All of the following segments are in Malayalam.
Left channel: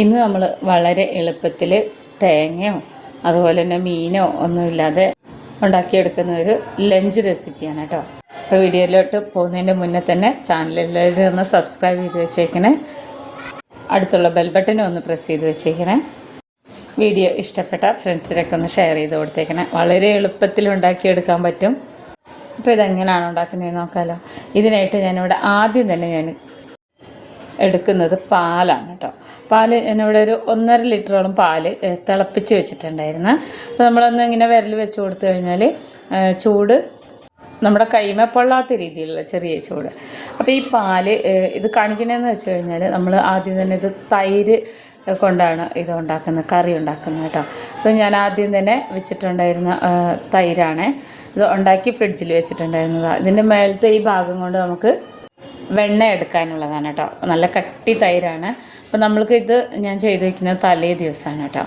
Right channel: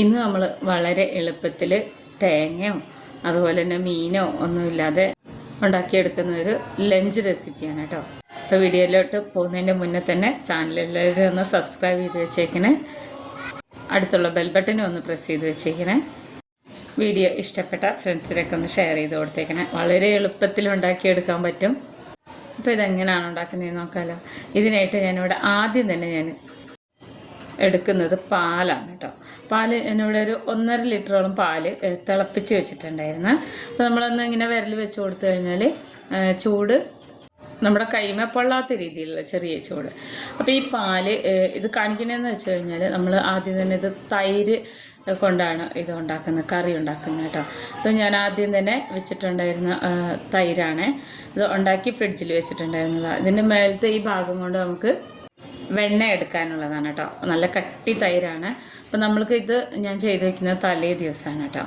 ഇന്ന് നമ്മൾ വളരെ എളുപ്പത്തിൽ തേങ്ങയോ അതുപോലെ തന്നെ മീനോ ഒന്നുമില്ലാതെ ഉണ്ടാക്കിയെടുക്കുന്ന ഒരു ലഞ്ച് റെസിപ്പിയാണ് കേട്ടോ. അപ്പോൾ വീഡിയോയിലോട്ട് പോകുന്നതിന്റെ മുന്നേ തന്നെ ചാനലിലേക്ക് ഒന്ന് സബ്സ്ക്രൈബ് ചെയ്ത് വെച്ചേക്കണേ. അടുത്തുള്ള ബെൽ ബട്ടനെ ഒന്ന് പ്രസ് ചെയ്ത് വെച്ചേക്കണേ. വീഡിയോ ഇഷ്ടപ്പെട്ട ഫ്രണ്ട്സിനൊക്കെ ഒന്ന് ഷെയർ ചെയ്ത് കൊടുത്തേക്കണേ. വളരെ എളുപ്പത്തിൽ ഉണ്ടാക്കിയെടുക്കാൻ പറ്റും. അപ്പോൾ ഇതെങ്ങനെയാണ് ഉണ്ടാക്കുന്നതെന്ന് നോക്കാമല്ലോ ഇതിനായിട്ട് ഞാനിവിടെ ആദ്യം തന്നെ ഞാൻ എടുക്കുന്നത് പാലാണ് കേട്ടോ. പാൽ എന്നിവിടെ ഒരു ഒന്നര ലിറ്ററോളം പാൽ തിളപ്പിച്ച് വെച്ചിട്ടുണ്ടായിരുന്നു. അപ്പോൾ നമ്മളൊന്ന് ഇങ്ങനെ വിരൽ വെച്ച് കൊടുത്തു കഴിഞ്ഞാൽ ചൂട് നമ്മുടെ കൈമ പൊള്ളാത്ത രീതിയിലുള്ള ചെറിയ ചൂട്. അപ്പോൾ ഈ പാൽ ഇത് കാണിക്കണമെന്ന് വെച്ച് കഴിഞ്ഞാൽ നമ്മൾ ആദ്യം തന്നെ ഇത് തൈര് കൊണ്ടാണ് ഇത് ഉണ്ടാക്കുന്നത് കറി ഉണ്ടാക്കുന്നത് കേട്ടോ. അപ്പോൾ ഞാൻ ആദ്യം തന്നെ വെച്ചിട്ടുണ്ടായിരുന്ന തൈരാണ്. ഇത് ഉണ്ടാക്കി ഫ്രിഡ്ജിൽ വെച്ചിട്ടുണ്ടായിരുന്നതാണ് ഇതിന്റെ മേളത്തെ ഈ ഭാഗം കൊണ്ട് നമുക്ക് വെണ്ണ എടുക്കാനുള്ളതാണ് കേട്ടോ നല്ല കട്ടി തൈരാണ്. അപ്പോൾ നമ്മൾക്ക് ഇത് ഞാൻ ചെയ്ത് വയ്ക്കുന്നത് തലേ ദിവസമാണ് കേട്ടോ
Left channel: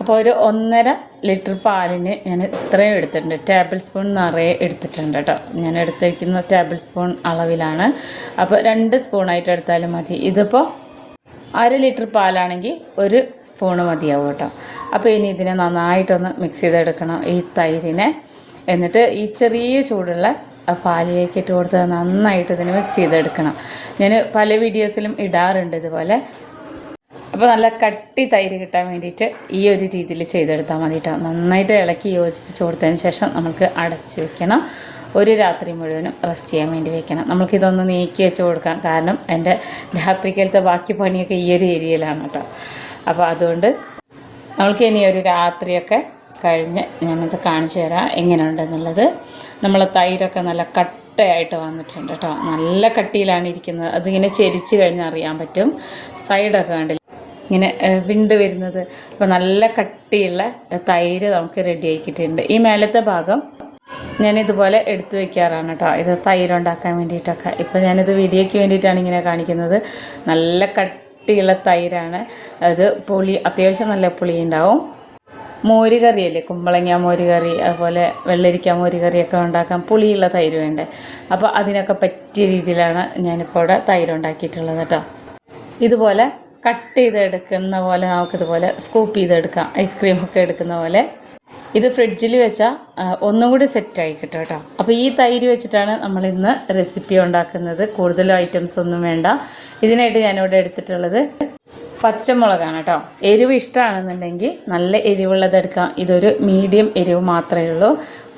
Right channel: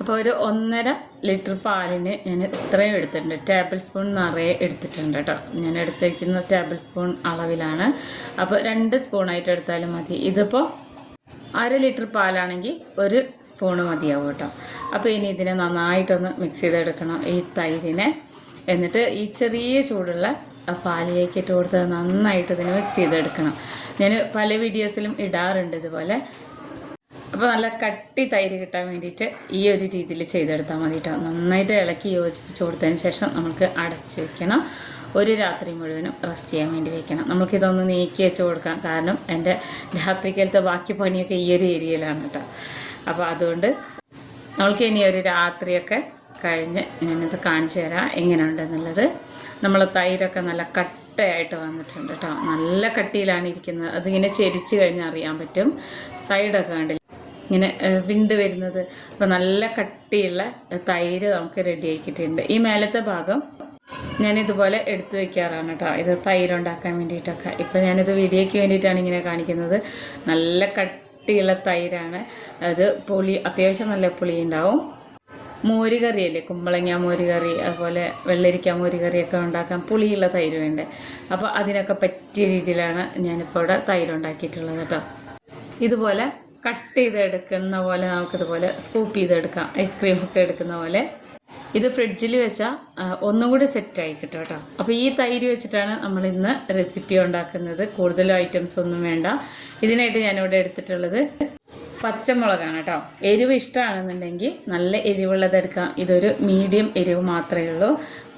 അപ്പോൾ ഒരു ഒന്നര ലിറ്റർ പാലിന് ഞാൻ ഇത്രയും എടുത്തിട്ടുണ്ട്. ടേബിൾ സ്പൂൺ നിറയെ എടുത്തിട്ടുണ്ട് കേട്ടോ ഞാൻ എടുത്തിരിക്കുന്ന ടേബിൾ സ്പൂൺ അളവിലാണ്. അപ്പോൾ രണ്ട് സ്പൂണായിട്ട് എടുത്താലും മതി. ഇതിപ്പോൾ അര ലിറ്റർ പാലാണെങ്കിൽ ഒരു സ്പൂണ് മതിയാവും കേട്ടോ അപ്പോൾ ഇനി ഇതിനെ നന്നായിട്ടൊന്ന് മിക്സ് ചെയ്തെടുക്കണം ഈ തൈരിനെ. എന്നിട്ട് ഈ ചെറിയ ചൂടുള്ള ആ പാലിലേക്ക് ഇട്ട് കൊടുത്ത് നന്നായിട്ട് ഇതിനെ മിക്സ് ചെയ്തെടുക്കണം. ഞാൻ പല വീഡിയോസിലും ഇടാറുണ്ട് ഇതുപോലെ. അപ്പോൾ നല്ല കട്ടി തൈര് കിട്ടാൻ വേണ്ടിയിട്ട് ഈ ഒരു രീതിയിൽ ചെയ്തെടുത്താൽ മതി കേട്ടോ നന്നായിട്ട് ഇളക്കി യോജിപ്പിച്ച് കൊടുത്തതിന് ശേഷം നമുക്ക് അടച്ച് വെക്കണം. ഒരു രാത്രി മുഴുവനും റെസ്റ്റ് ചെയ്യാൻ വേണ്ടി വെക്കണം. നമുക്കിതൊന്ന് നീക്കി വെച്ച് കൊടുക്കാം കാരണം എന്റെ രാത്രിക്കലത്തെ ബാക്കി പണിയൊക്കെ ഈ ഒരു ഏരിയയിലാണ് കേട്ടോ. അപ്പോൾ അതുകൊണ്ട് നമുക്ക് ഇനി ഒരു രാത്രിയൊക്കെ കഴിഞ്ഞ് ഞാനത് കാണിച്ചു തരാം. എങ്ങനെയുണ്ടെന്നുള്ളത്. നമ്മൾ തൈരൊക്കെ നല്ല കട്ടയായിട്ട് വന്നിട്ടുണ്ട് കേട്ടോ. നല്ല കട്ടിയിലാണ് ഇരിക്കുന്നത്. അതിങ്ങനെ ചെരിച്ച് കഴിഞ്ഞാൽ അറിയാൻ പറ്റും. സൈഡൊക്കെ കണ്ടില്ല? ഇങ്ങനെ വിണ്ട് വരുന്നത്. അപ്പോൾ നല്ല കട്ടിയുള്ള തൈര് നമുക്ക് റെഡി ആക്കിയിട്ടുണ്ട് ഈ മേലത്തെ ഭാഗം ഞാനിതുപോലെ എടുത്തു വെക്കാറാണ് കേട്ടോ. ഇത് തൈര് ഉണ്ടാക്കാൻ വേണ്ടിയിട്ടൊക്കെ. ഇപ്പോൾ ഞാനിത് വീഡിയോയ്ക്ക് വേണ്ടിയിട്ടാണ് ഇങ്ങനെ കാണിക്കുന്നത്. നല്ല കട്ടിയുള്ള തൈരാണ്. അത് പുളി അത്യാവശ്യം നല്ല പുളി ഉണ്ടാവും മോര് കറിയല്ലേ കുമ്പളങ്ങ മോര് കറി അതുപോലെ വെള്ളരിക്ക മോര് കറിയൊക്കെ ഉണ്ടാക്കാൻ പുളിയുള്ള തൈര് വേണ്ടേ? അപ്പോൾ അതിനൊക്കെ പറ്റിയ രീതിയിലാണ് ഞാനിപ്പോൾ ഇവിടെ തൈര് ഉണ്ടാക്കിയിട്ടുള്ളത് കേട്ടോ. ഇതുപോലെ കട്ട് ചെയ്ത് എടുക്കുന്ന പോലെ നമുക്കിതുപോലെ സ്കൂപ്പ് ചെയ്തെടുക്കാം. ഐസ്ക്രീമൊക്കെ എടുക്കുന്ന പോലെ. ഇത് ഫ്രിഡ്ജിൽ വെച്ചാൽ ഒന്നും കൂടി സെറ്റായി കിട്ടും കേട്ടോ. അപ്പോൾ ഈ തൈര് വെച്ചിട്ടാണ് നമ്മൾ ഇന്ന് റെസിപ്പി ഉണ്ടാക്കുന്നത്. കൂടുതൽ ഐറ്റംസ് ഒന്നും വേണ്ട. ഇതിനായിട്ട് ഞാനിവിടെ എടുത്തിട്ടുള്ളത് പച്ചമുളകാണ് കേട്ടോ. എരിവ് ഇഷ്ടമാണെന്നുണ്ടെങ്കിൽ നല്ല എരിവുള്ളത് എടുക്കാം ഇതൊരു മീഡിയം എരിവ് മാത്രമേ ഉള്ളൂ.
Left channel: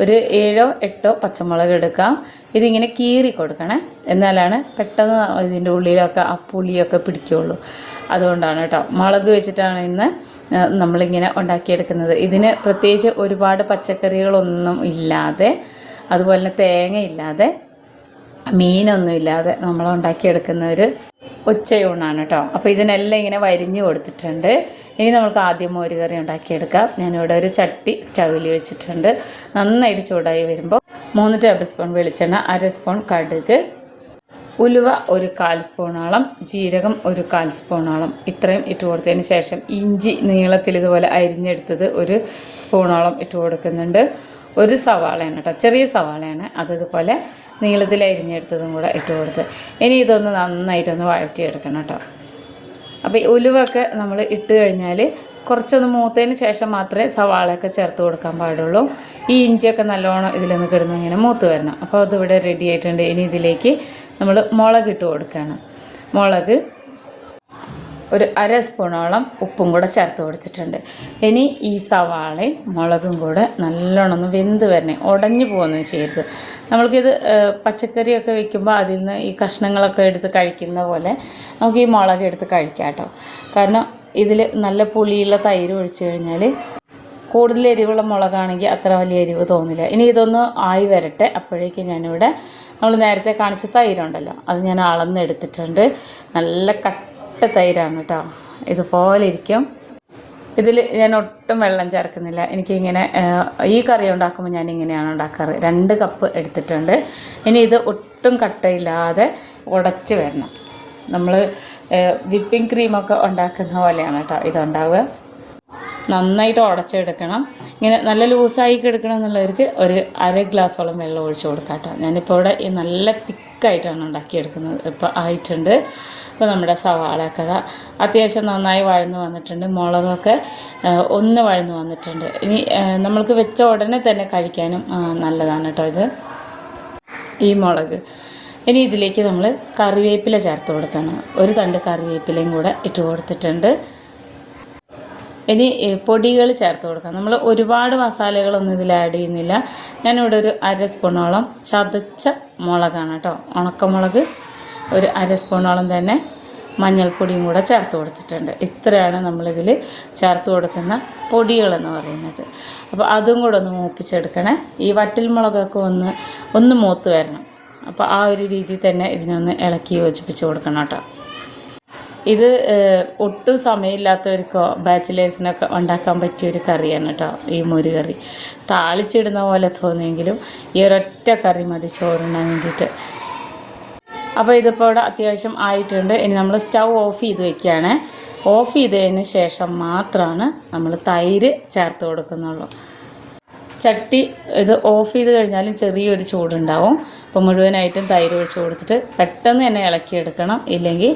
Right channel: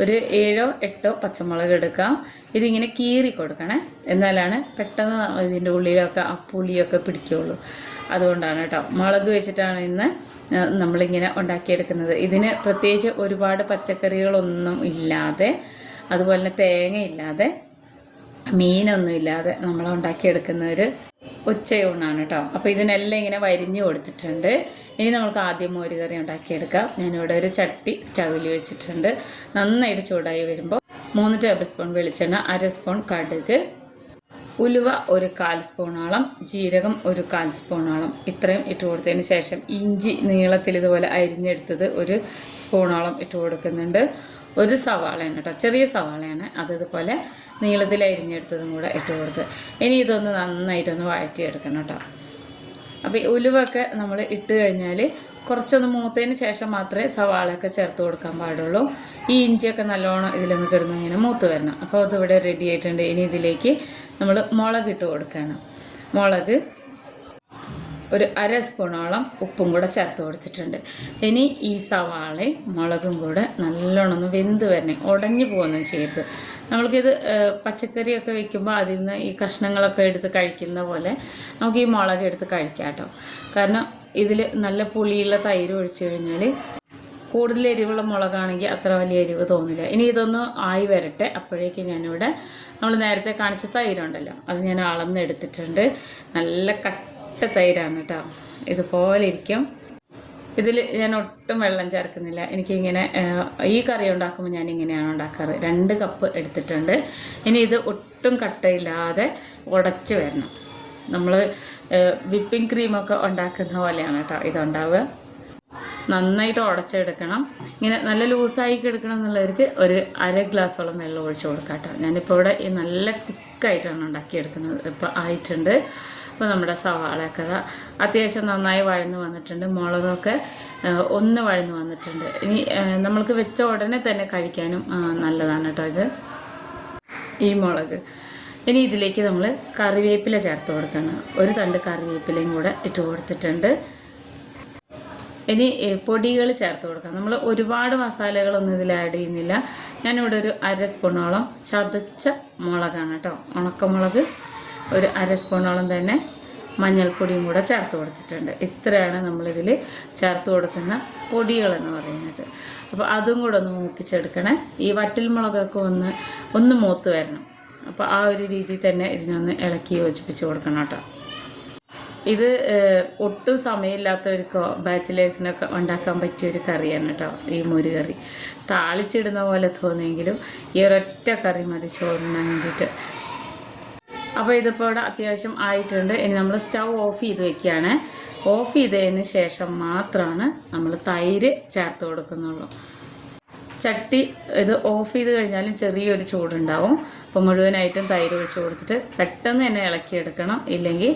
ഒരു ഏഴോ എട്ടോ പച്ചമുളക് എടുക്കാം ഇതിങ്ങനെ കീറി കൊടുക്കണേ. എന്നാലാണ് പെട്ടെന്ന് ഇതിന്റെ ഉള്ളിലൊക്കെ ആ പുളിയൊക്കെ പിടിക്കുകയുള്ളൂ. അതുകൊണ്ടാണ് കേട്ടോ. മുളക് വെച്ചിട്ടാണ് ഇന്ന് നമ്മളിങ്ങനെ ഉണ്ടാക്കിയെടുക്കുന്നത്. ഇതിന് പ്രത്യേകിച്ച് ഒരുപാട് പച്ചക്കറികളൊന്നും ഇല്ലാതെ അതുപോലെ തന്നെ തേങ്ങയില്ലാതെ മീനൊന്നും ഇല്ലാതെ നമ്മൾ ഉണ്ടാക്കിയെടുക്കുന്ന ഒരു ഉച്ചയൂണാണ് കേട്ടോ അപ്പോൾ ഇതിനെല്ലാം ഇങ്ങനെ വരിഞ്ഞു കൊടുത്തിട്ടുണ്ട്. ഇനി നമുക്ക് ആദ്യം മോര് കറി ഉണ്ടാക്കിയെടുക്കാം. ഞാനിവിടെ ഒരു ചട്ടി സ്റ്റൗവിൽ വെച്ചിട്ടുണ്ട്. നന്നായിട്ട് ചൂടായി വരുമ്പോൾ മൂന്ന് ടേബിൾ സ്പൂൺ വെളിച്ചെണ്ണ അര സ്പൂൺ കടുക് ഉലുവ ഒരു കാൽ സ്പൂണോളം ജീരകം ഒരു കാൽ സ്പൂണോളം. ഇത്രയും ഇട്ട് കൊടുത്തതിന് ശേഷം ഇഞ്ചി നീളത്തിൽ ഇതുപോലെ അരിഞ്ഞെടുത്തത് ഒരു സ്പൂണോളം ഇട്ട് കൊടുക്കുന്നുണ്ട്. ഒരു സവാളയാണ് കേട്ടോ ചെറിയ സവാളയാണ്. അത് ഇതുപോലെ നീളത്തിൽ അരിഞ്ഞെടുത്തതും കൂടെ ഇട്ട് കൊടുത്ത്. ഇനി ഇതൊന്ന് നന്നായിട്ടൊന്ന് വഴറ്റിയെടുക്കണം കേട്ടോ. അപ്പോൾ ഈ ഉലുവൊക്കെ നമ്മൾ ഇട്ട് കഴിഞ്ഞാൽ കുറച്ചൊന്ന് മൂത്തതിന് ശേഷം മാത്രമേ സവാളയൊക്കെ ചേർത്ത് കൊടുക്കാൻ പാടുള്ളൂ. ഈ ഇഞ്ചിയൊക്കെ നല്ലോണം ഇതിലൊന്ന് കിടന്ന് ഇങ്ങനെ മൂത്ത് വരണം. അപ്പോൾ അതിവിടെ റെഡി ആയിട്ടുണ്ട്. ഇനി ഇതിലേക്ക് നമ്മൾ മുളക് ഇട്ട് കൊടുക്കുകയാണ് മുളക് ഒരു അര സ്പൂണോളം ഉപ്പും കൂടെ ചേർത്ത് കൊടുത്തിട്ടുണ്ട്. ഇനി ഈ സവാളയും മുളകും കൂടെ നല്ലോണം ഒന്ന് വെന്ത് വരണേ. ഉടഞ്ഞു പോകുന്നു ചെയ്യരുത്. നമ്മൾക്കിത് പച്ചക്കറിയൊക്കെ വെക്കുമ്പോൾ അതിൽ നിന്ന് ഈ കഷ്ണങ്ങളൊക്കെ എടുത്ത് കഴിക്കുന്ന പോലെ നമുക്ക് ഈ മുളക് എടുത്ത് കഴിക്കാം കേട്ടോ. കാരണം ഇതിൽ നല്ല പുളിയുള്ള തൈര് ഒഴിച്ചു കഴിഞ്ഞാൽ കൂടുതൽ എരിവുള്ള മുളകാണെങ്കിൽ അത്ര വലിയ എരിവ് തോന്നില്ല. ഇനി ഇതൊന്ന് ആയി വരട്ടെ. അപ്പോഴേക്കും ഞാനിവിടെ നമ്മൾ നേരത്തെ കാണിച്ച തൈരുണ്ടല്ലോ. അത് ഞാൻ അളന്നെടുത്തിട്ടുണ്ട്. നല്ല കട്ട തൈരാണ് കേട്ടോ ഇതുപോലെ ഇരിക്കും. ഇതിൽ ഞാൻ ഒട്ടും വെള്ളം ചേർക്കുന്നില്ല. എനിക്കിങ്ങനെ ഈ കറി ഉണ്ടാക്കുമ്പോൾ ഞാൻ ഇങ്ങനെയാണ് ഉണ്ടാക്കാറ്. രണ്ട് കപ്പ് എടുത്തിട്ടുണ്ട്. ഇനി ഇത് ഒട്ടും കട്ടയില്ലാതെ ഉടച്ച് വരണം. നമ്മൾ വിപ്പിംഗ് ക്രീമൊക്കെ ഉണ്ടാക്കുന്ന പോലെയാണ് കേട്ടോ ഇതുണ്ടാവുക. നന്നായിട്ട് ഉടച്ചെടുക്കണം. ഇങ്ങനെ നല്ല ലൂസായി കിടക്കണം എന്നുള്ളവർക്ക് ഒരു അര ഗ്ലാസ്സോളം വെള്ളം ഒഴിച്ചു കൊടുക്കാം കേട്ടോ ഞാനിപ്പോൾ ഇവിടെ നല്ല തിക്കായിട്ടാണ് ഉണ്ടാക്കിയെടുക്കുന്നത്. ഇപ്പോൾ ആയിട്ടുണ്ട്. അപ്പോൾ നമ്മുടെ സവാളയൊക്കെ അത്യാവശ്യം നന്നായി വഴന്ന് വന്നിട്ടുണ്ട് മുളകൊക്കെ ഒന്ന് വഴന്ന് വന്നിട്ടുണ്ട്. ഇനി നമ്മൾക്ക് വെച്ച ഉടനെ തന്നെ കഴിക്കാനും നല്ലതാണ് കേട്ടോ ഇത്. ഈ മുളക്. ഇനി ഇതിലേക്ക് നമ്മൾ കറിവേപ്പില ചേർത്ത് കൊടുക്കണം. ഒരു തണ്ട് കറിവേപ്പിലയും കൂടെ ഇട്ട് കൊടുത്തിട്ടുണ്ട്. ഇനി പൊടികൾ ചേർത്ത് കൊടുക്കാം നമ്മൾ ഒരുപാട് മസാലകളൊന്നും ഇതിൽ ആഡ് ചെയ്യുന്നില്ല. ഞാനിവിടെ ഒരു അര സ്പൂണോളം ചതച്ച മുളകാണ് കേട്ടോ. ഉണക്കമുളക് ഒരു അര സ്പൂണോളം തന്നെ മഞ്ഞൾപ്പൊടിയും കൂടെ ചേർത്ത് കൊടുത്തിട്ടുണ്ട്. ഇത്രയാണ് നമ്മളിതിൽ ചേർത്ത് കൊടുക്കുന്ന പൊടികളെന്ന് പറയുന്നത്. അപ്പോൾ അതും കൂടെ ഒന്ന് മൂപ്പിച്ചെടുക്കണേ. ഈ വറ്റൽ മുളകൊക്കെ ഒന്ന് ഒന്ന് മൂത്ത് വരണം. അപ്പോൾ ആ ഒരു രീതി തന്നെ ഇതിനൊന്ന് ഇളക്കി യോജിപ്പിച്ച് കൊടുക്കണം കേട്ടോ. ഇത് ഒട്ടും സമയമില്ലാത്തവർക്കോ ബാച്ചിലേഴ്സിനൊക്കെ ഉണ്ടാക്കാൻ പറ്റിയ ഒരു കറിയാണ് കേട്ടോ ഈ മൊരു കറി താളിച്ചിടുന്ന പോലെ തോന്നിയെങ്കിലും ഈ ഒരൊറ്റ കറി മതി ചോറിനാൻ വേണ്ടിയിട്ട്. അപ്പോൾ ഇതിപ്പോൾ ഇവിടെ അത്യാവശ്യം ആയിട്ടുണ്ട്. ഇനി നമ്മൾ സ്റ്റൗ ഓഫ് ചെയ്ത് വെക്കുകയാണ്. ഓഫ് ചെയ്തതിന് ശേഷം മാത്രമാണ് നമ്മൾ തൈര് ചേർത്ത് കൊടുക്കുന്നുള്ളൂ. ചട്ടി ഇത് ഓഫ് ചെയ്ത് കഴിഞ്ഞാലും ചെറിയൊരു ചൂടുണ്ടാവും. അപ്പോൾ മുഴുവനായിട്ടും തൈര് ഒഴിച്ച് കൊടുത്തിട്ട് പെട്ടെന്ന് തന്നെ ഇളക്കിയെടുക്കണം. ഇല്ലെങ്കിൽ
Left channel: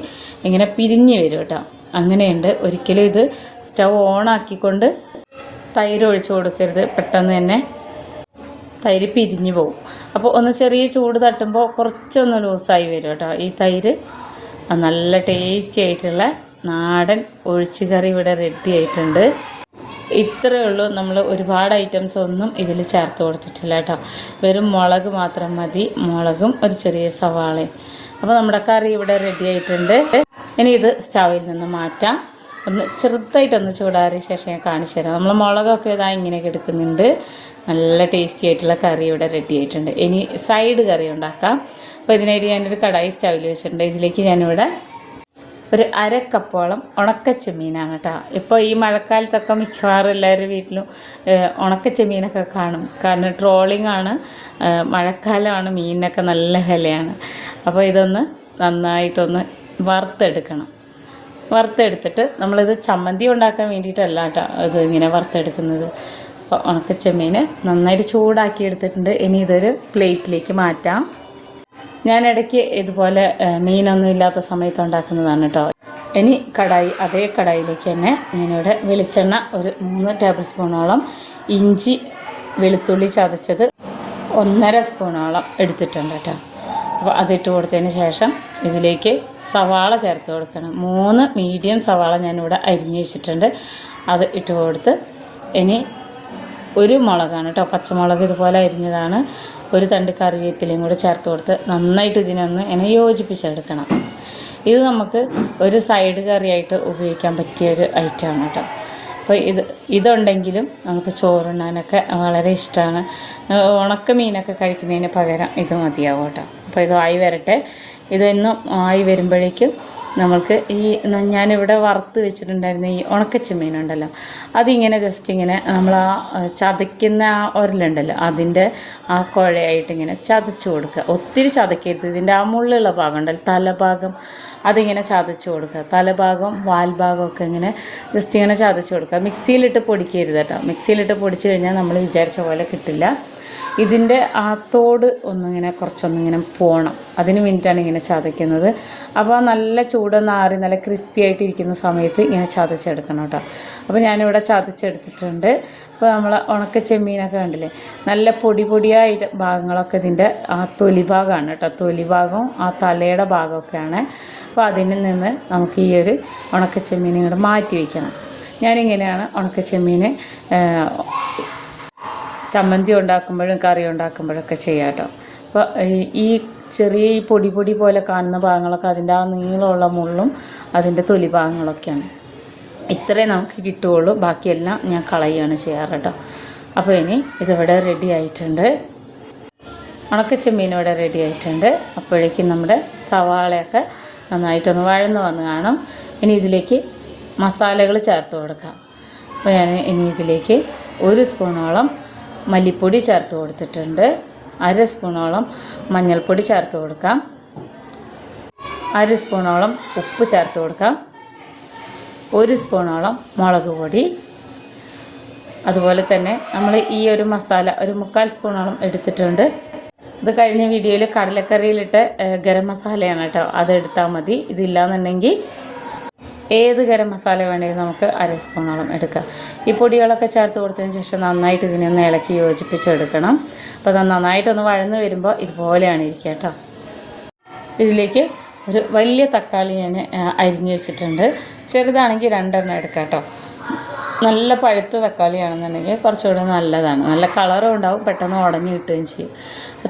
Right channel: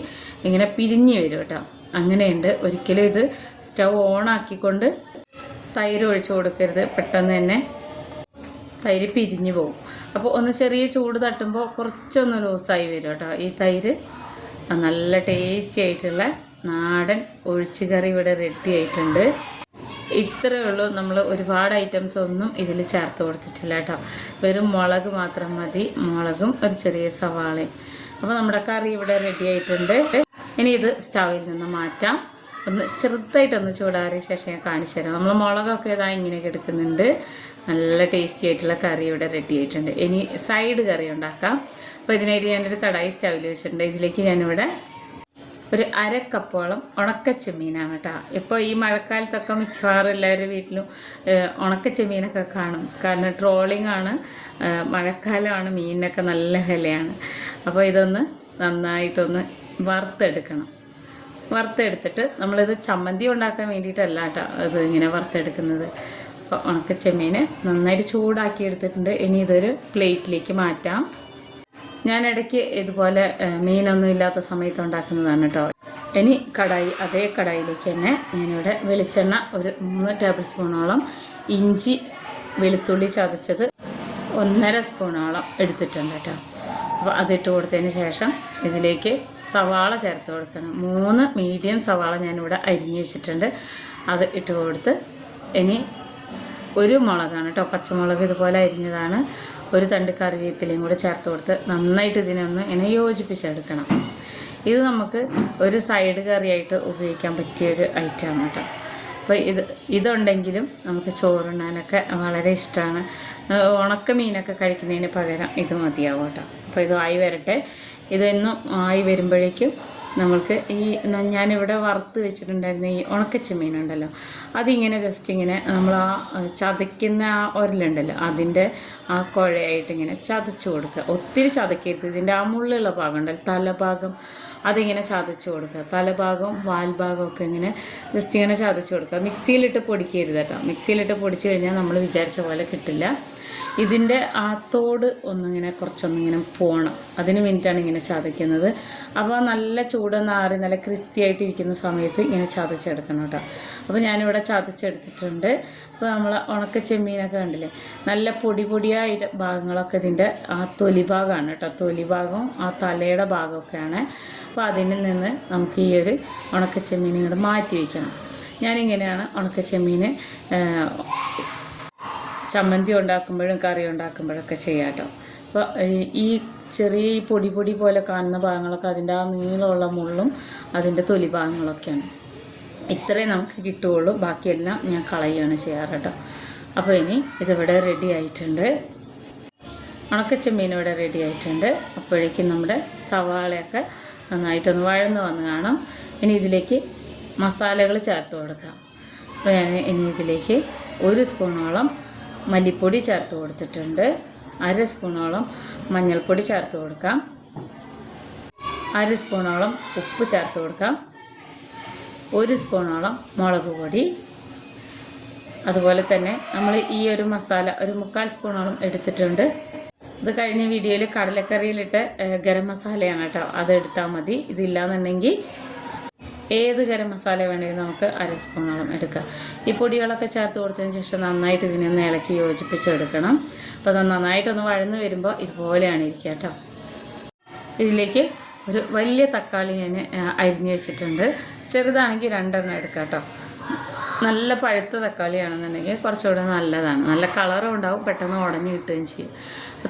ഇങ്ങനെ പിരിഞ്ഞ് വരും കേട്ടോ. അങ്ങനെയുണ്ട്. ഒരിക്കലും ഇത് സ്റ്റൗ ഓണാക്കിക്കൊണ്ട് തൈര് ഒഴിച്ച് കൊടുക്കരുത്. പെട്ടെന്ന് തന്നെ തൈര് പിരിഞ്ഞു പോകും അപ്പോൾ ഒന്ന് ചെറിയ ചൂട് തട്ടുമ്പോൾ കുറച്ചൊന്ന് ലൂസായി വരും കേട്ടോ. ഈ തൈര്. നല്ല ടേസ്റ്റി ആയിട്ടുള്ള നാടൻ ഒഴിച്ചുകറി ഇവിടെ റെഡി ആയിട്ടുണ്ട്. ഇത്രയേ ഉള്ളൂ. നമ്മൾ ഒരുപാട് ഐറ്റംസ് ഒന്നും ഇതിൽ ചേർത്ത് കൊടുത്തിട്ടില്ല കേട്ടോ. വെറും മുളക് മാത്രം മതി. മുളകും ഒരു ചെറിയ സവാളയും. അപ്പോൾ നമ്മുടെ കറി ഇവിടെ റെഡി ആയിട്ടുണ്ട്. ഇനി ഇത് സ്റ്റൗവിൽ നിന്ന് മാറ്റാം. ഒന്ന് ചെറുതായിട്ടൊന്ന് ചൂടാറിയ ശേഷം ഞാൻ കാണിച്ചു തരാം. നമ്മൾ മുളകൊക്കെ ഇതാ ഇങ്ങനെയൊക്കെ എടുക്കുന്നുണ്ട് നല്ല ടേസ്റ്റി ആയിട്ടുള്ള കറി ഇവിടെ റെഡി ആയിട്ടുണ്ട്. ഇനി സൈഡ് കറി ഉണ്ടാക്കാം. അപ്പോൾ ഇതിനായിട്ട് ഞാനൊരു കടായി സ്റ്റൗവിൽ വെച്ചിട്ടുണ്ട്. ഇതിലേക്ക് ഞാനിവിടെ ഒരു അര കപ്പോളം ഉണക്കച്ചെമ്മീനാണ് കേട്ടോ. ഇപ്പോൾ ഈ മഴക്കാലത്തൊക്കെ മിക്കവാറും എല്ലാവരുടെ വീട്ടിലും ഉണക്കച്ചെമ്മീനൊക്കെ കാണും. കാരണം ട്രോളിംഗ് ആണ്. മഴക്കാലമാണ് മീനിനൊക്കെ നല്ല വിലയാണ്. അപ്പോൾ ഇതൊന്ന് നന്നായിട്ടൊന്ന് വറുത്തെടുക്കണം. വറുത്തെടുത്തിട്ട് നമ്മളിത് ചമ്മന്തി ഉണ്ടാക്കാൻ വേണ്ടിയിട്ടല്ല കേട്ടോ. ഇത് ഇങ്ങനെ വറുത്തെടുക്കുന്നത്. അപ്പോൾ ഉണക്കച്ചെമ്മീൻ നന്നായിട്ട് ചൂടാക്കി എടുത്തിട്ടുണ്ട് ഇനി ഇതൊരു പ്ലേറ്റിലേക്ക് മാറ്റാം. ഞാൻ ഇടയ്ക്ക് ഇതുപോലെ മീനൊന്നും ഇല്ലാത്ത സമയത്ത് ഉണ്ടാക്കുന്നതാണ് കേട്ടോ ഇനി കടായി അതേ കടായിലേക്ക് തന്നെ ഞാനിവിടെ വെളിച്ചെണ്ണ ഒരു മൂന്ന് ടേബിൾ സ്പൂണോളം ഇഞ്ചി വെളുത്തുള്ളി ചതച്ചത് ഒന്നര സ്പൂണോളം എടുത്തിട്ടുണ്ട് കേട്ടോ അപ്പോൾ അതിട്ട് കൊടുത്തതിന് ശേഷം ഇതിലേക്ക് സവാള ചേർത്ത് കൊടുക്കണം. മൂന്ന് മീഡിയം സവാള ഞാനിവിടെ അരിഞ്ഞു വെച്ചിട്ടുണ്ട്. അത് ഇട്ട് കൊടുത്ത് ഇനി ഒരു മുളകാണ് കേട്ടോ. പച്ചമുളക് ഇതുപോലെ അരിഞ്ഞതാണ്. ഒരു തണ്ട് കറിവേപ്പിലയും കൂടെ ചേർത്ത് കൊടുത്ത് നന്നായിട്ട് ഇതിനൊന്ന് ഇങ്ങനെ യോജിപ്പിച്ചെടുക്കണം ഇത് നമുക്ക് ഒരു സൈഡ് കറിയായിട്ട് ഉപയോഗിക്കാൻ പറ്റിയ ഒരു ഐറ്റമാണ് കേട്ടോ. അപ്പോൾ ഇത് ഇതുണ്ടെങ്കിലും നമുക്ക് ചോറുണ്ണാനൊക്കെ വളരെ ഇഷ്ടമാണ്. ഉണക്ക മീനൊക്കെ കഴിക്കുന്നതിന് പകരം ഇത് മതിയാവും കേട്ടോ. അപ്പോൾ ഇത് ആയി വരട്ടെ. ഇതൊന്നും ആയി വരുമ്പോഴേക്കും നമ്മൾക്ക് ഈ ഞാനിവിടെ വറുത്ത് വെച്ചിട്ടുണ്ടായിരുന്ന ഈ ഉണക്കച്ചെമ്മീനുണ്ടല്ലോ അതിങ്ങനെ ജസ്റ്റ് ഇങ്ങനെ നമ്മൾ ആ ചതയ്ക്കുന്ന ആ ഒരലുണ്ടല്ലോ അതിന്റെ ആ കുഴയായിട്ട് ഇങ്ങനെ ചതച്ച് കൊടുക്കുക. ഒത്തിരി ചതക്കരുത്. ഇതിന്റെ ആ മുള്ളുള്ള ഭാഗം ഉണ്ടല്ലോ തലഭാഗം അതിങ്ങനെ ചതച്ച് കൊടുക്കുക. തലഭാഗം വാൽഭാഗമൊക്കെ ഇങ്ങനെ ജസ്റ്റ് ഇങ്ങനെ ചതച്ച് കൊടുക്കുക. മിക്സിയിലിട്ട് പൊടിക്കരുത് കേട്ടോ. മിക്സിയിലിട്ട് പൊടിച്ച് കഴിഞ്ഞാൽ നമ്മൾ വിചാരിച്ച പോലെ കിട്ടില്ല. ഇതിന്റെ ആ തോട് ഒന്നിങ്ങനെ കുറച്ചൊന്നിങ്ങനെ പോകണം അതിന് വേണ്ടിയിട്ടാണ് ഇങ്ങനെ ചതയ്ക്കുന്നത്. അപ്പോൾ നല്ല ചൂടൊന്ന് ആറി നല്ല ക്രിസ്പി ആയിട്ട് ഇരിക്കുന്ന സമയത്ത് ഇങ്ങനെ ചതച്ചെടുക്കണം കേട്ടോ. അപ്പോൾ ഞാനിവിടെ ചതച്ചെടുത്തിട്ടുണ്ട്. അപ്പോൾ നമ്മൾ ഉണക്ക ചെമ്മീനൊക്കെ കണ്ടില്ലേ? നല്ല പൊടി പൊടിയായിട്ട് ഭാഗങ്ങളൊക്കെ ഇതിന്റെ ആ തൊലി ഭാഗമാണ് കേട്ടോ. തൊലി ഭാഗവും ആ തലയുടെ ഭാഗമൊക്കെയാണ്. അപ്പോൾ അതിൽ നിന്ന് നമുക്ക് ഈ ഒരു ഉണക്ക ചെമ്മീൻ ഇങ്ങോട്ട് മാറ്റി വയ്ക്കണം. ഞാനിങ്ങനെയാണ് ഉണക്ക ചെമ്മീൻ ചമ്മന്തി ഉണ്ടാക്കുമ്പോഴും കറി ഉണ്ടാക്കുമ്പോഴൊക്കെ ചെയ്യാം കേട്ടോ. അപ്പോൾ ഈ- ചെറിയ ഈ പൊടി പൊടി പോലെ കാണുന്ന ഭാഗങ്ങളൊക്കെ അതിന്റെ ആ നീളമുള്ള മുള്ളും അതിന്റെ തൊലി ഭാഗങ്ങളൊക്കെയാണ്. ഇത്രേ നമുക്ക് കിട്ടുകയുള്ളൂ. ബാക്കിയെല്ലാം ഞാൻ കളയുകയാണ് ചെയ്യാറ് കേട്ടോ. അപ്പോൾ ഇനി ഇതിവിടെ റെഡി ആയിട്ടുണ്ട്. ഉണക്കച്ചെമ്മീൻ ഇവിടെ റെഡി ആയിട്ടുണ്ട്. അപ്പോഴേക്കും നമ്മുടെ സവാളയൊക്കെ നന്നായിട്ടൊന്ന് വഴന്ന് വന്ന് കാണും. ഇനി ഇതിലേക്ക് മസാലകൾ ചേർത്ത് കൊടുക്കാം. അപ്പോൾ ഞാൻ ഇനി ഇതിലേക്ക് ഒരു സ്പൂണോളം മല്ലിപ്പൊടി ചേർത്ത് കൊടുത്തിട്ടുണ്ട്. അര സ്പൂണോളം മഞ്ഞൾപ്പൊടി ചേർത്ത് കൊടുക്കാം. അര സ്പൂണോളം ഉപ്പ് ചേർത്ത് കൊടുക്കാം. ഒരു സ്പൂണോളം മുളക് പൊടി. അതുപോലെ തന്നെ നമ്മൾ ഈ ഒരു മസാല ഒരു മുക്കാൽ സ്പൂണോളം എടുത്തിട്ടുണ്ട്. ഇത് കഴിഞ്ഞ വീഡിയോയിൽ കടലക്കറിയിലിട്ട് ഗരം മസാലയാണ് കേട്ടോ. അതെടുത്താൽ മതി. ഇതില്ലാന്നുണ്ടെങ്കിൽ ഏത് ഗരം മസാല വേണമെങ്കിലും നമുക്ക് അര സ്പൂണോളം എടുക്കാം. ഈ പൊടികളൊക്കെ ചേർത്ത് കൊടുത്തതിന് ശേഷം നന്നായിട്ട് ഇതിനെ ഒന്ന് ഇളക്കി യോജിപ്പിച്ചെടുക്കണം. അപ്പോൾ അത് നന്നായിട്ടൊന്ന് വഴന്ന് വരുമ്പോൾ ഇതുപോലെയാണ് ഇരിക്കുക കേട്ടോ. ഇതിലേക്ക് ഒരു വലിയ തക്കാളി ഞാൻ അരിഞ്ഞു വെച്ചിട്ടുണ്ട്. ചെറുതാണെങ്കിൽ രണ്ടെണ്ണം എടുക്കാം കേട്ടോ. നല്ല പഴുത്ത തക്കാളിയാണെന്നുണ്ടെങ്കിൽ കുറച്ചുകൂടെ നല്ലതാണ്. നല്ല കളറും ഉണ്ടാവും പെട്ടെന്ന് ഉടഞ്ഞു കിട്ടുകയും ചെയ്യും.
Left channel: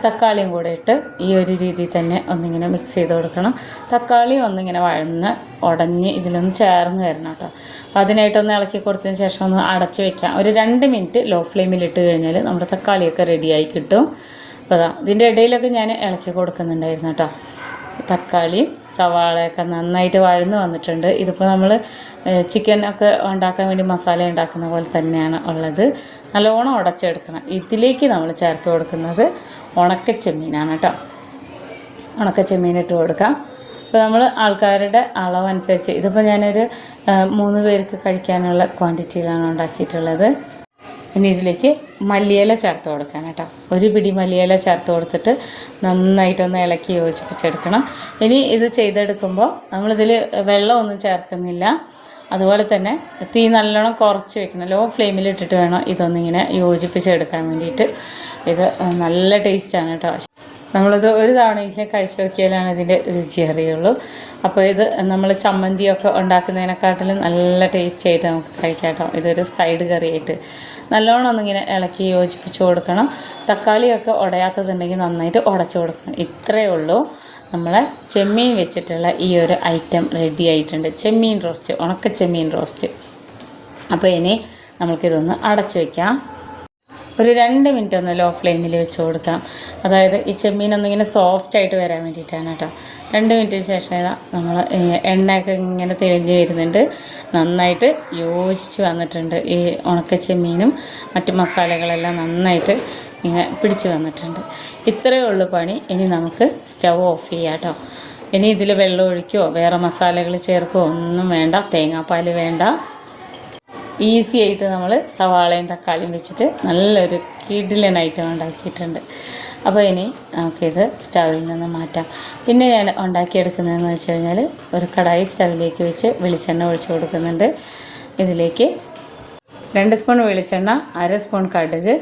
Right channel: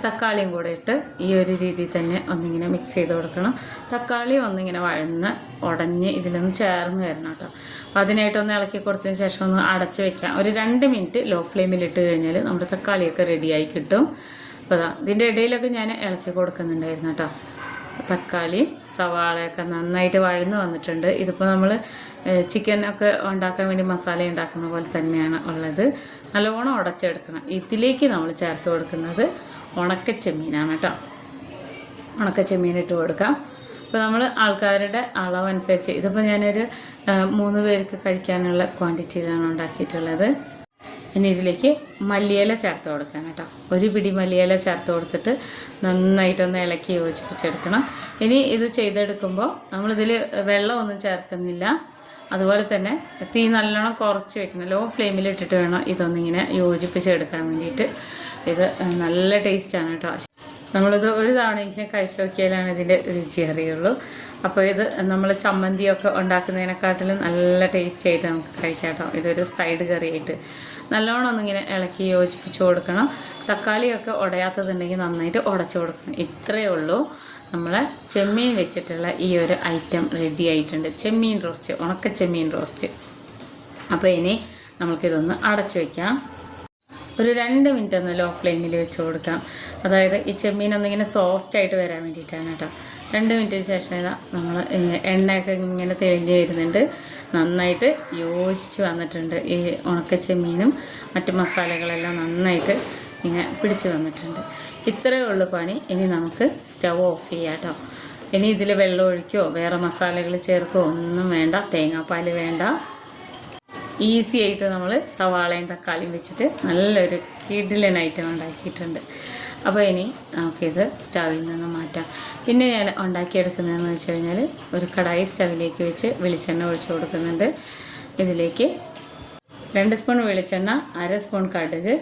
തക്കാളിയും കൂടെ ഇട്ട് ഈ ഒരു രീതിയിൽ തന്നെ ഒന്നിങ്ങനെ മിക്സ് ചെയ്ത് കൊടുക്കണം. തക്കാളി ഒന്നിങ്ങനെ വഴന്ന് ഉടഞ്ഞ് ഇതിലൊന്ന് ചേർന്ന് വരണം കേട്ടോ. അപ്പോൾ അതിനായിട്ടൊന്ന് ഇളക്കി കൊടുത്തതിന് ശേഷം ഒന്ന് അടച്ച് വെക്കാം. ഒരു രണ്ട് മിനിറ്റ് ലോ ഫ്ലെയിമിൽ ഇട്ട് കഴിഞ്ഞാൽ നമ്മുടെ തക്കാളിയൊക്കെ റെഡിയായി കിട്ടും. അപ്പോൾ അതാ ഇതിന്റെ ഇടയിലൊക്കെ ഞാൻ ഇളക്കി കൊടുക്കുന്നുണ്ടായിരുന്നു കേട്ടോ. തക്കാളി സവാളയൊക്കെ നന്നായിട്ട് വഴന്ന് വന്നിട്ടുണ്ട്. ഇതിപ്പോൾ നമ്മൾ ചിക്കൻ ഒക്കെ ഉണ്ടാക്കാൻ വേണ്ടി മസാല ഉണ്ടാക്കുന്ന പോലെ തന്നെയാണ് ഉള്ളത്. നല്ലോണം ഉടച്ചെടുക്കണം. ഇതിലേക്ക് നമ്മൾ ചേർത്ത് കൊടുക്കുന്നത് ഉണക്ക ചെമ്മീനാണ് കേട്ടോ. ഉണക്ക കൊടുക്കാം. അപ്പോൾ നമ്മൾ ആൾക്കാരുടെ അളവനുസരിച്ച് ഇതിപ്പോൾ ഞാനൊരു മൂന്ന് പേർക്ക് കഴിക്കാനുള്ള ക്വാണ്ടിറ്റിയിലാണ് ഉണ്ടാക്കിയിട്ടുള്ളത്. ഇനി ഇതിലേക്ക് മല്ലിയില ചേർത്ത് കൊടുക്കാൻ കേട്ടോ. ഒരു പിടി മല്ലിയില ചേർത്ത് കൊടുത്തിട്ട് നന്നായിട്ടൊന്ന് ഇളക്കി യോജിപ്പിച്ചെടുക്കണം. ഇനി ഇത് ചെയ്തെടുക്കുമ്പോൾ നമ്മളിതിൽ വെള്ളമൊന്നും ചേർക്കുന്നില്ല. അതുപോലെ തന്നെ തീ നല്ലോണം കുറച്ച് വെക്കണം. ലോ ഫ്ലെയിമിലിട്ടിട്ട് വേണം ഇതൊന്നിങ്ങനെ യോജിപ്പിച്ചെടുക്കാൻ വേണ്ടിയിട്ട്. ഇത് നല്ല ടേസ്റ്റാണ് കേട്ടോ. നമ്മളിത് ഒരു തവണയെങ്കിലും കഴിച്ചു നോക്കിയാലാണ് ഇതിന്റെ രുചി അറിയുള്ളൂ. അപ്പോൾ ഇത് നമ്മൾ ചമ്മന്തിയൊക്കെ ഉണ്ടാക്കുന്നതിനെക്കാട്ടിലും നല്ല ടേസ്റ്റ് ആയിട്ട് നമുക്ക് കഴിക്കാം കേട്ടോ. ഇതൊരു സൈഡ് കറിയായിട്ട്. നല്ലോണം ഒന്നിങ്ങനെ ഇളക്കി യോജിപ്പിച്ച് കൊടുക്കണം. തക്കാളിയൊക്കെ ഉടയാത്തതുണ്ടെങ്കിൽ നന്നായിട്ട് ഉടച്ചു കൊടുക്കണം. ഇത്രയേ ഉള്ളൂ. നമ്മളെ ചെമ്മീൻ വെച്ചിട്ടുള്ള ഈ ഒരു ഐറ്റം റെഡി ആയിട്ടുണ്ട്. ചെമ്മീൻ റോസ്റ്റ് ഉണക്ക ചെമ്മീൻ റോസ്റ്റ്. അപ്പോൾ ഇനി നമുക്കിതൊന്ന് അടച്ചു വയ്ക്കാം ഒരു രണ്ട് മിനിറ്റ് ഒന്ന് ലോ ഫ്ലെയിമിൽ വെച്ച് കൊടുക്കാം. അതായത് ഈ ചെമ്മീനൊന്നും ഇങ്ങനെ സോഫ്റ്റ് ആയിട്ട് വരാൻ വേണ്ടിയിട്ടാണ് കേട്ടോ. രണ്ട് മിനിറ്റിന് ശേഷം നമ്മൾ എണ്ണയൊക്കെ ഇങ്ങനെ തെളിഞ്ഞ് വരുന്നുണ്ട്. നന്നായിട്ട് യോജിച്ച് വന്നിട്ടുണ്ട് ഈ ഉണക്ക ചെമ്മീനും മറ്റു മസാലകളെല്ലാം നന്നായിട്ട് ഇങ്ങനെ പിടിച്ച് വന്നിട്ടുണ്ട്. ഇത്രയേ ഉള്ളൂ പണി. ഇനി നമുക്ക് സ്റ്റവ് ഓഫ് ചെയ്യാം കേട്ടോ. ഇനി ഇതിൽ വെള്ളം ഒഴിക്കുകയോ വേറെ മസാലകൾ ചേർക്കുകയോ ഒന്നും വേണ്ട. തേങ്ങാപ്പാൽ വേണ്ട. ഈസി ആയിട്ട് നമ്മൾ സവാളയും തക്കാളിയും വെച്ചിട്ട് നല്ലൊരു കിഡിലൻ ഐറ്റം ഉണ്ടാക്കിയിട്ടുണ്ട്. അപ്പോൾ ഇനി നമുക്കിത് സ്റ്റവിൽ നിന്ന് മാറ്റാം. പിന്നെ ഞാൻ ഉണ്ടാക്കിയെടുക്കുന്നതെന്ന് വെച്ച് കഴിഞ്ഞാൽ ഒരു കടായി സ്റ്റവിലേക്ക് വെച്ച് വെളിച്ചെണ്ണ ഒഴിച്ചു കൊടുക്കുന്നുണ്ട്. ഇതിലേക്ക് രണ്ട് സ്പൂൺ വെളിച്ചെണ്ണ അര സ്പൂൺ കടുക്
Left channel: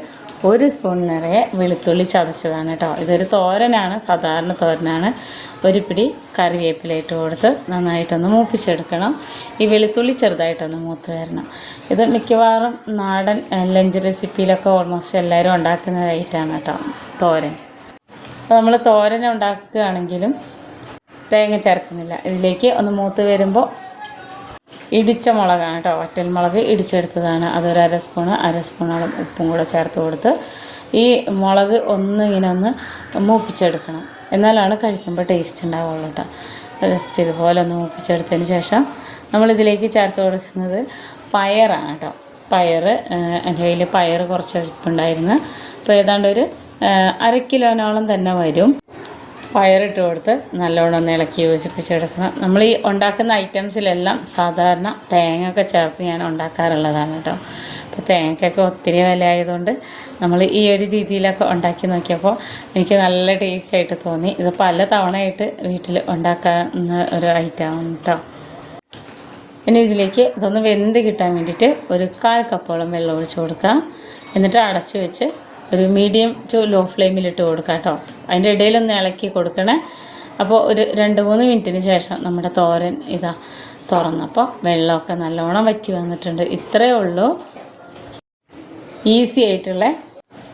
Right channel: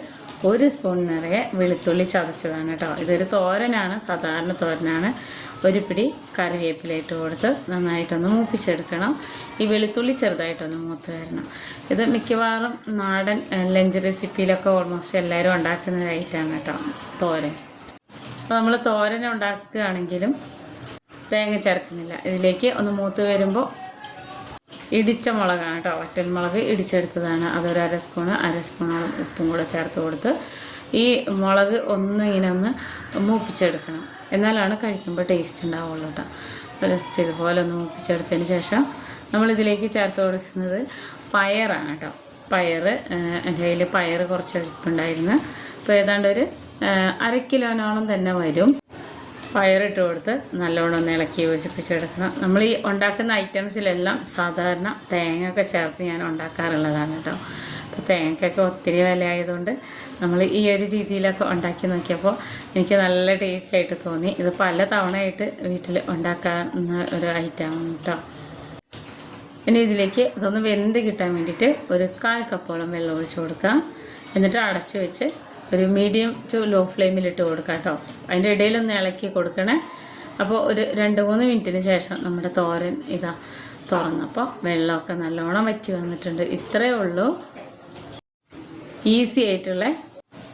ഒരു സ്പൂൺ നിറയെ വെളുത്തുള്ളി ചതച്ചതാണ് കേട്ടോ. ഇതൊരു തോരനാണ് സാധാരണ തോരനാണ്. ഒരു പിടി കറിവേപ്പില ഇട്ട് കൊടുത്ത് നന്നായിട്ടൊന്ന് മൂപ്പിച്ചെടുക്കണം. ഈ വെളുത്തുള്ളി ചെറുതായിട്ടൊന്ന് മൂത്ത് വരണം. ഇത് മിക്കവാറും നാടൻ ലഞ്ച് റെസിപ്പിയിലൊക്കെ ഓൾമോസ്റ്റ് എല്ലാവരും ഉണ്ടാക്കുന്ന ഒരു ഐറ്റമാണ് കേട്ടോ തോരൻ. അപ്പോൾ നമ്മൾ തോരൻ ഉണ്ടാക്കുകയാണെങ്കിലും തേങ്ങ ചേർക്കുന്നില്ല. ഇതിലേക്ക് ഒന്ന് മൂത്ത് വരുമ്പോൾ ഇടിച്ച മുളകാണ് കേട്ടോ വറ്റൽ മുളക് ഇടിച്ചെടുത്തതാണ്. അതൊരു അര സ്പൂണ് അര സ്പൂണോളം ഉപ്പും കൂടെ ചേർത്ത് കൊടുത്ത് ഈ മുളക് ഒന്ന് ഇങ്ങനെ ഒന്ന് മൂപ്പിച്ചെടുക്കണം. എന്നാലാണ് കഴിക്കുമ്പോൾ ടേസ്റ്റ് ഉണ്ടാവുള്ളൂ കേട്ടോ ജസ്റ്റ് ഇതുപോലെ ഒന്ന് മൂപ്പിച്ചെടുത്തതിന് ശേഷം നമ്മളിതിലേക്ക് ചേർത്ത് കൊടുക്കുന്നത് പയറാണ് കേട്ടോ പയർ എന്റെ കയ്യിൽ പയർ കുറച്ച് എടുപ്പുണ്ടായിരുന്നു അപ്പോൾ ഏതാണ്ട് ഒരു അര കിലോനോളം തന്നെ വരും. പയറിട്ട് കൊടുത്ത് നല്ലോണം ഒന്ന് ഇളക്കി യോജിപ്പിച്ചെടുക്കണം. നമ്മൾ ഈ ഉണ്ടാക്കുന്ന ഐറ്റംസിലെല്ലാം സാധാരണ തേങ്ങ ഒക്കെ ചേർത്ത് ഞാൻ ഉണ്ടാക്കാറുള്ളതാണ് കേട്ടോ അപ്പോൾ തേങ്ങയ്ക്കൊക്കെ ഒത്തിരി വില ആയതുകൊണ്ട് നമ്മൾ ഈ ഒരു രീതിയിലൊക്കെ ഉണ്ടാക്കി നോക്കിയപ്പോൾ എനിക്ക് നല്ല ടേസ്റ്റ് ആയിട്ട് തോന്നി. ഇത് പല തവണയായിട്ട് വീട്ടിൽ ഉണ്ടാക്കാവുന്ന ഒരു ഐറ്റമാണ് കേട്ടോ ഇനി ഇതിലേക്ക് ഇതൊന്ന് വെന്ത് കിട്ടാൻ വേണ്ടിയിട്ട് ഒരു കാൽ കപ്പോളം വെള്ളം ഒഴിച്ച് കൊടുക്കാം എന്നിട്ട് അടച്ച് വെച്ച് ഒരു മീഡിയം ടു ലോ ഫ്ലെയിമിലിട്ട് കൊടുക്കാം കേട്ടോ അതിന്റെ ഇടയിലൊന്ന് ഇളക്കി കൊടുക്കണേ. അപ്പോൾ ഒരു രണ്ട് മൂന്ന് മിനിറ്റിന് ശേഷം നമ്മുടെ തോരൻ ഇതാ തുറന്നപ്പോൾ വെള്ളമൊക്കെ നല്ലോണം വറ്റി വന്നിട്ടുണ്ട്. ഇത്രയേ ഉള്ളൂ. ഈസി ആയിട്ടുള്ള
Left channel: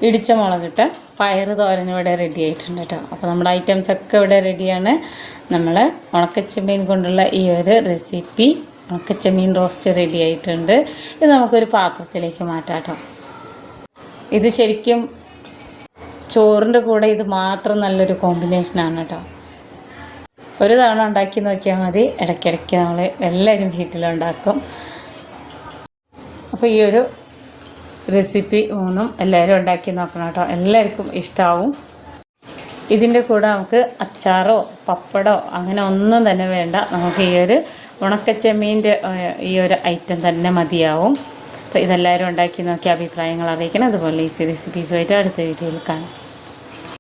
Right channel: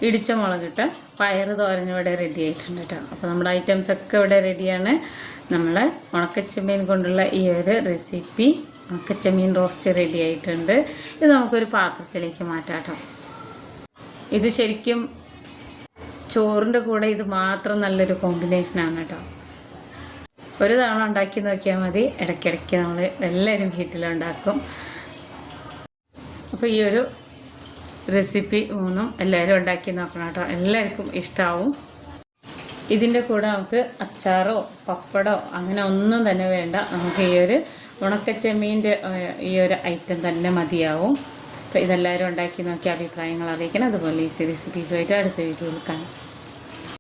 ഇടിച്ച മുളകിട്ട് പയറ് തോരൻ ഇവിടെ റെഡി ആയിട്ടുണ്ട് കേട്ടോ അപ്പോൾ നമ്മുടെ ഐറ്റംസ് ഒക്കെ ഇവിടെ റെഡിയാണ് നമ്മൾ ഉണക്കച്ചെമ്മീൻ കൊണ്ടുള്ള ഈ ഒരു റെസിപ്പി ഉണക്കച്ചെമ്മീൻ റോസ്റ്റ് റെഡി ആയിട്ടുണ്ട്. ഇത് നമുക്കൊരു പാത്രത്തിലേക്ക് മാറ്റാം കേട്ടോ ഇത് ശരിക്കും ചോറിന്റെ കൂടെ ഇത് മാത്രം നല്ലൊരു കോമ്പിനേഷനാണ് കേട്ടോ ഒരു തവണ ഉണ്ടാക്കി നോക്കിയാൽ മതി. ഇടയ്ക്കിടയ്ക്ക് നമ്മൾ എല്ലാവരും വീട്ടിലുണ്ടാക്കും. അപ്പോൾ ഈ ഒരു റെസിപ്പി മൂന്നും എല്ലാവരും ഉണ്ടാക്കി നോക്കണം കേട്ടോ. എല്ലാവർക്കും ഇഷ്ടമാവും ഇതിന്റെ കൂടെ നമുക്ക് അച്ചാറോ പപ്പടോ അങ്ങനെ ഒന്നും തന്നെ വേണ്ട. നമുക്ക് ഈ ഒരു ഉണക്കച്ചെമ്മീന്റെ ഈ ഒരു ഐറ്റം തന്നെ മതിയാവും. അപ്പോൾ ഇതെല്ലാവരും ഉണ്ടാക്കി നോക്കി അഭിപ്രായങ്ങൾ അറിയിക്കണം. അതുപോലെ ഈസി റെസിപ്പീസുമായിട്ട് അടുത്ത വീഡിയോയിൽ കാണാം.